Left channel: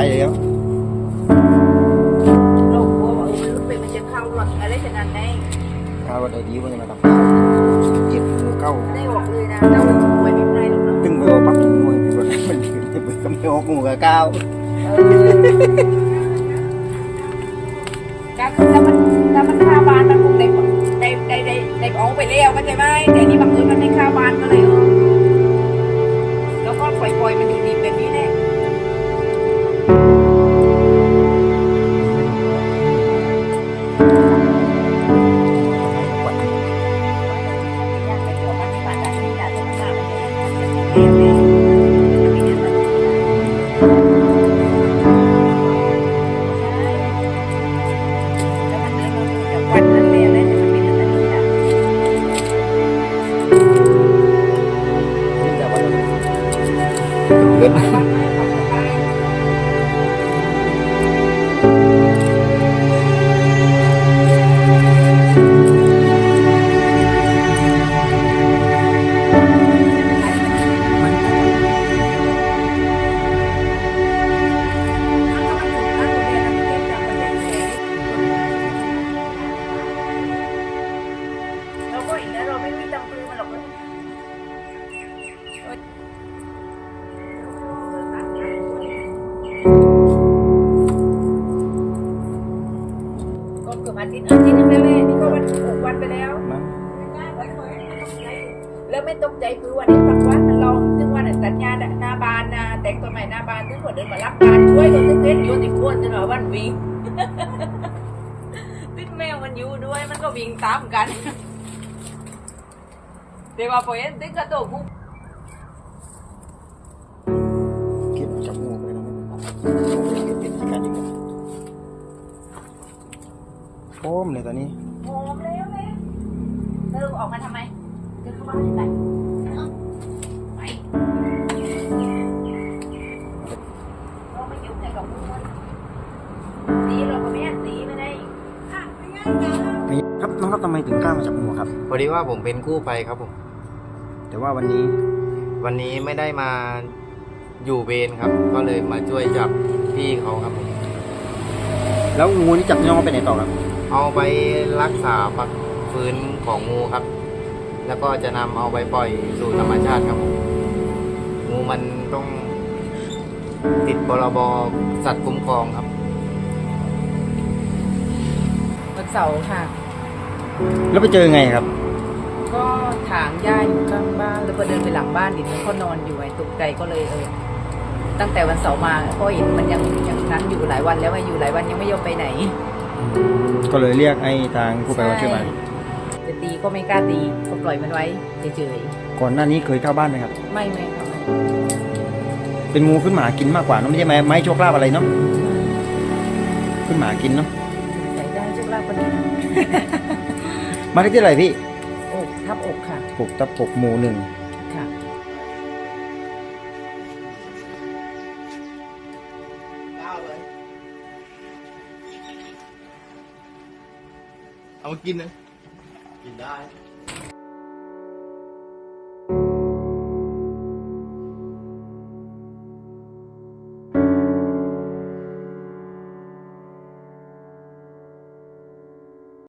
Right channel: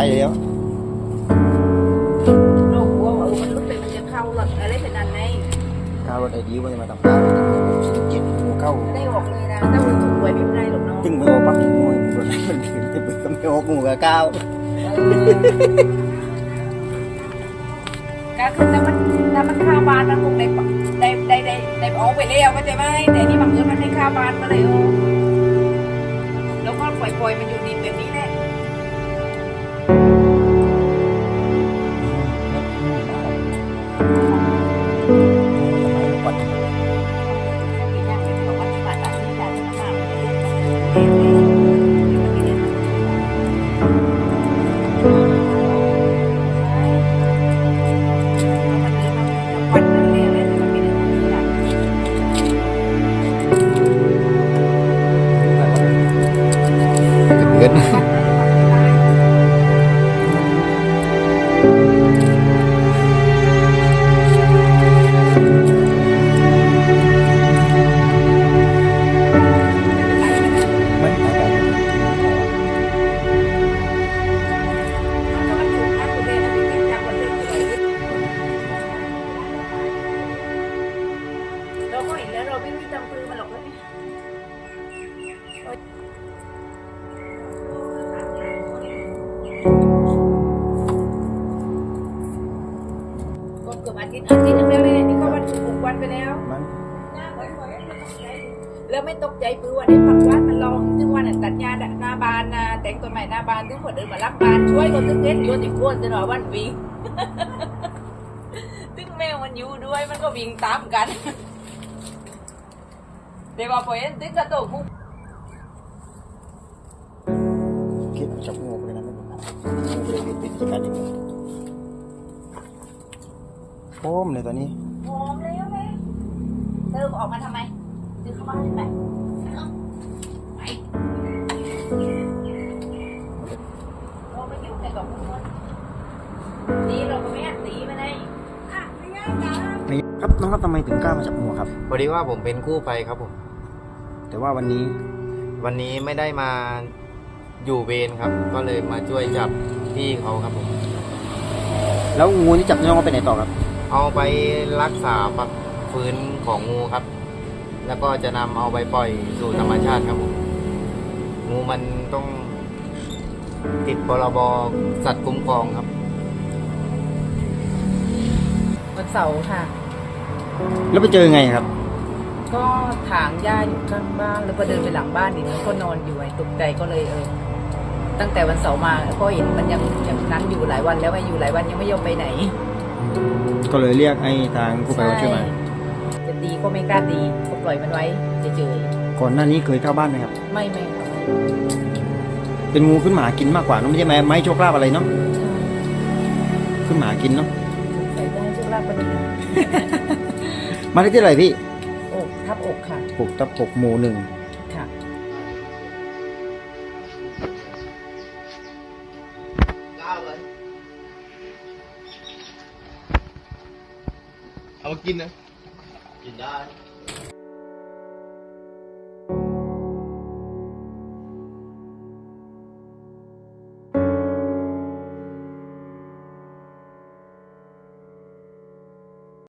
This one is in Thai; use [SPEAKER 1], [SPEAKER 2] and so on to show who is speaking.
[SPEAKER 1] ไปแล้ว
[SPEAKER 2] เรากลัว่าเออมันเป็นมันจะเข้ารถอะไรขนาดไหน
[SPEAKER 1] ข้าวรถไอดีวันนี้มาทำข้าวเจ็ดหมูเก้า
[SPEAKER 2] ก็ได้บอกเลยนะปไม่ได้หรอกเนาะ
[SPEAKER 1] ตึงปออกปักหน่วยมันมันถือมันก็ไม่ออกหมูกับเก้า
[SPEAKER 2] การคือถ้ามันถ้ามันข้าบานมันคงได้ได้ได้ได้ออกไปแล้วมันจะไม่แต่นี่บางทีมันไม่ข้าบานมาเลย เป็นนั่นเลยเลยแต่มัน ก็เกือบอาทิตย์อาทิตย์นึงเลยนี่ก็วันหกวันไปแล้ว
[SPEAKER 1] มัน
[SPEAKER 2] แล้วไม่ตกใจปือวันนี้ปักวัดมันลองซึ่งวันกันยาหน้าบานนะแต่งตัวใหม่หน้าบานซึ่งคนเดินมารักบานช่วยตัวซึ่งเล่นโยนอีกคนจะหน่อยวันวิ่งซึ่งแมวมันอยู่ด้วยมันก็วิ่งตามกันเดี๋ยวมาพอเห็นซึ่งกระโดดมุก
[SPEAKER 1] คิดจับงูไปนะไม่เป็นไรงูไปเบียดเบียดการยิงกัน โอ้มเลยตอนนี้
[SPEAKER 2] หอมแล้วแม่เติมออกมาทำไมเติมเข้ามาทำไมเอาไปโอ้ไม่ยุ่งแต่กับมึงตีเราก็ไม่ตีมาได้อะไม่ง่ายจ้า
[SPEAKER 1] ไม่ครับน้องครับทำไมถึงกล้ามาจับงูครับ
[SPEAKER 3] พอดีว่าผมเป็นกู้ภัยครับผม
[SPEAKER 1] แต่ว่าวันนี้
[SPEAKER 3] วันนี้ไม่ได้มาอยู่เวรครับ ก็เลยมาช่วยจับพี่เขาครับผม
[SPEAKER 1] แล้วงูนี่จับน้องเอาไปไหนต่อครับ
[SPEAKER 3] เอาไปรักษาปักฟื้นของงูครับ แล้วก็จะนำเอาไปปล่อยสู่ธรรมชาติครับผมงูมันต้องติดพรบสัตว์คุ้มครองครับ
[SPEAKER 2] วันเสาร์ค่ะ
[SPEAKER 1] แล้วไปเจอไงครับ
[SPEAKER 2] ก็ถางหญ้าอยู่ข้างบ้านแล้วพอเดินไปหลังบ้านดิมันก็นอนอยู่ไอ้ตกใจก็เลยเออตั้งแต่วันเสาร์มาก็เห็นมันยังยังนั้นอยู่หลายวันแล้วไงอยู่หลายวันยังไม่ยอมไปไหน
[SPEAKER 1] ก็เลยเรียกให้ทางกู้ภัยมาช่วยมา
[SPEAKER 2] จะตีก็ไม่กล้าตีก็ปล่อยมันไว้เฉย
[SPEAKER 1] ก่อนหน้านี้เคยเข้าบ้านไหมครับ
[SPEAKER 2] ๆไม่ไม่ค่ะไม่
[SPEAKER 1] เป็นงูขึ้นหมากินมากกว่าเนอะไม่ใช่ไม้ไม้โชคลาภอะไรเนาะขึ้นหมากินเนาะ
[SPEAKER 2] สงสัยได้โชคลาภก็ดีนะ
[SPEAKER 1] มาที่อะไรพี่
[SPEAKER 2] อกทับอกค่ะ
[SPEAKER 1] ปลูกตับปลูกหมูหนึ่ง
[SPEAKER 4] เอามากินนะ กินได้